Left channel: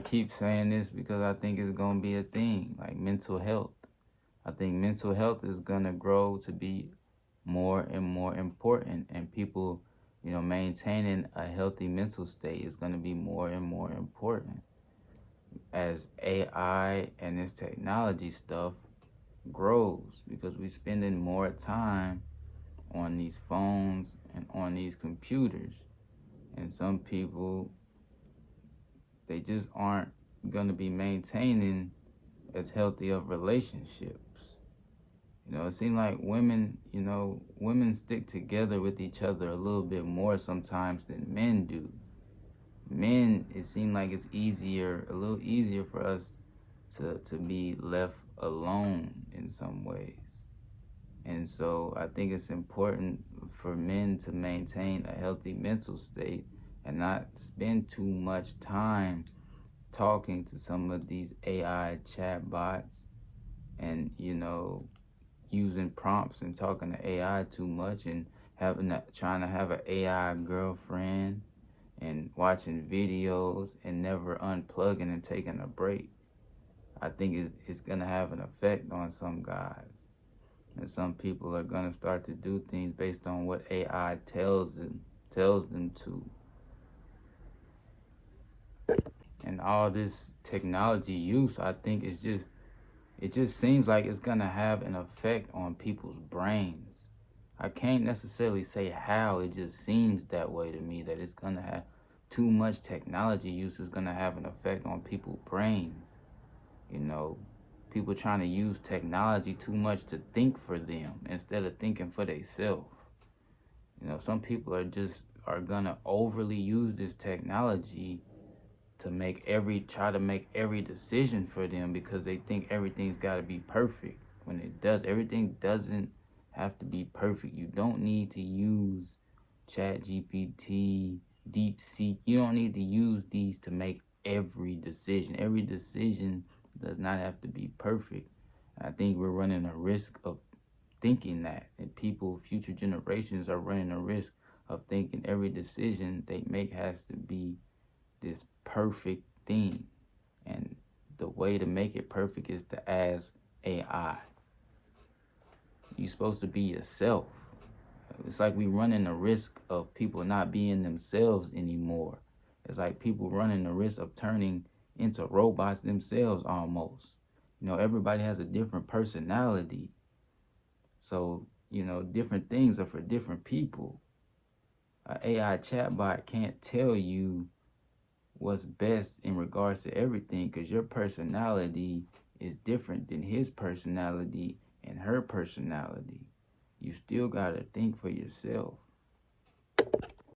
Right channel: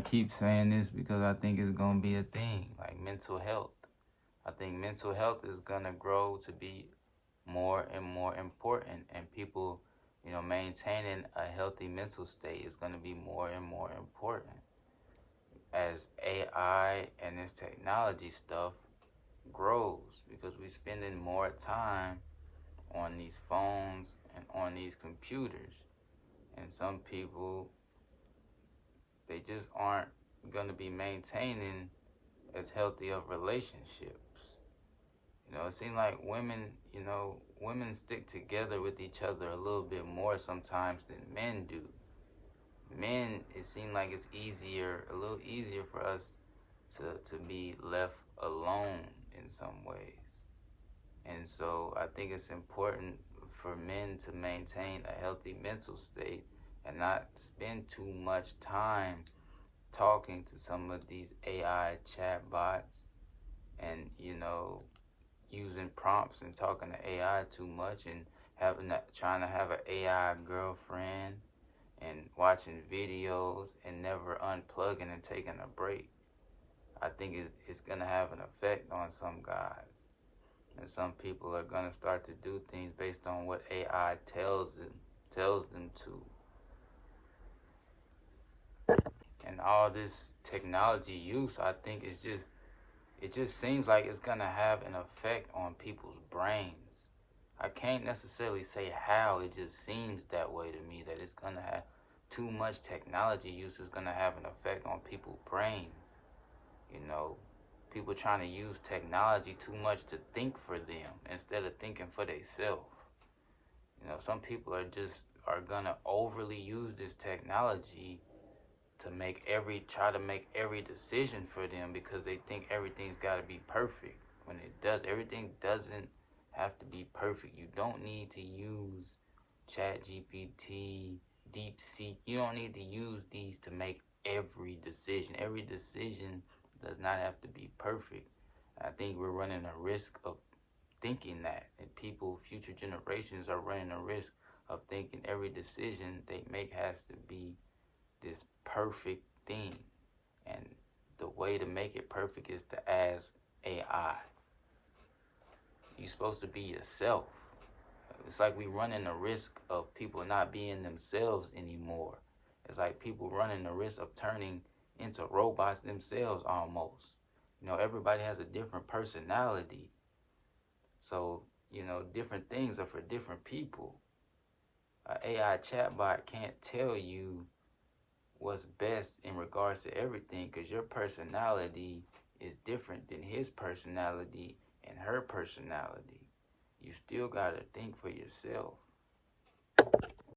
I keep saying this because I think it's going to be a thing, like mental health. I think mental health is going to grow to be more and more important, and people, maintaining a healthy mental state is going to be more and more important as AI and this technology stuff grows, because we're spending more time on these phones and on these computers. And some people, they just aren't going to be maintaining as healthy of relationships. It seems like women stick together with each other a little bit more sometimes than men do. Men, it seems like it's a little easier for us to be left alone in some ways. And so I think it's important for men to maintain a healthy mental state and not spend too much time talking to some of these AI chatbots and, using prompts and talking to AI too much, and trying to have an AI girlfriend and watching videos and never unplugging and taking a break. I think it's going to have an effect on some guys. And some people are going to start to do things based on what AI tells them to. And all this technology use, I think it just seems like it's going to have an effect on people's brains. I can't necessarily say how, it just seems that way to me, that it's going to have too much technology use is going to have an effect on people's brains. People trying to use technology too much to think for them instead of thinking for themselves. Some people are gonna overly use this technology to try to make every decision for them, because they think everything's got to be perfect. When everything doesn't have to be perfect. You don't need to use ChatGPT, DeepSeek. You don't need to use these to make every decision. Every decision does not have to be perfect. I think we're running a risk of thinking that, and future generations are running a risk of thinking every decision they make has to be this perfect thing. And the way to make it perfect is to ask AI. You're supposed to be yourself. It's like we running a risk of people not being themselves anymore. It's like people running the risk of turning into robots themselves almost. Everybody has a different personality. So, different things are for different people. An AI chatbot can't tell you what's best in regards to everything, because your personality is different than his personality and her personality. You still gotta think for yourself.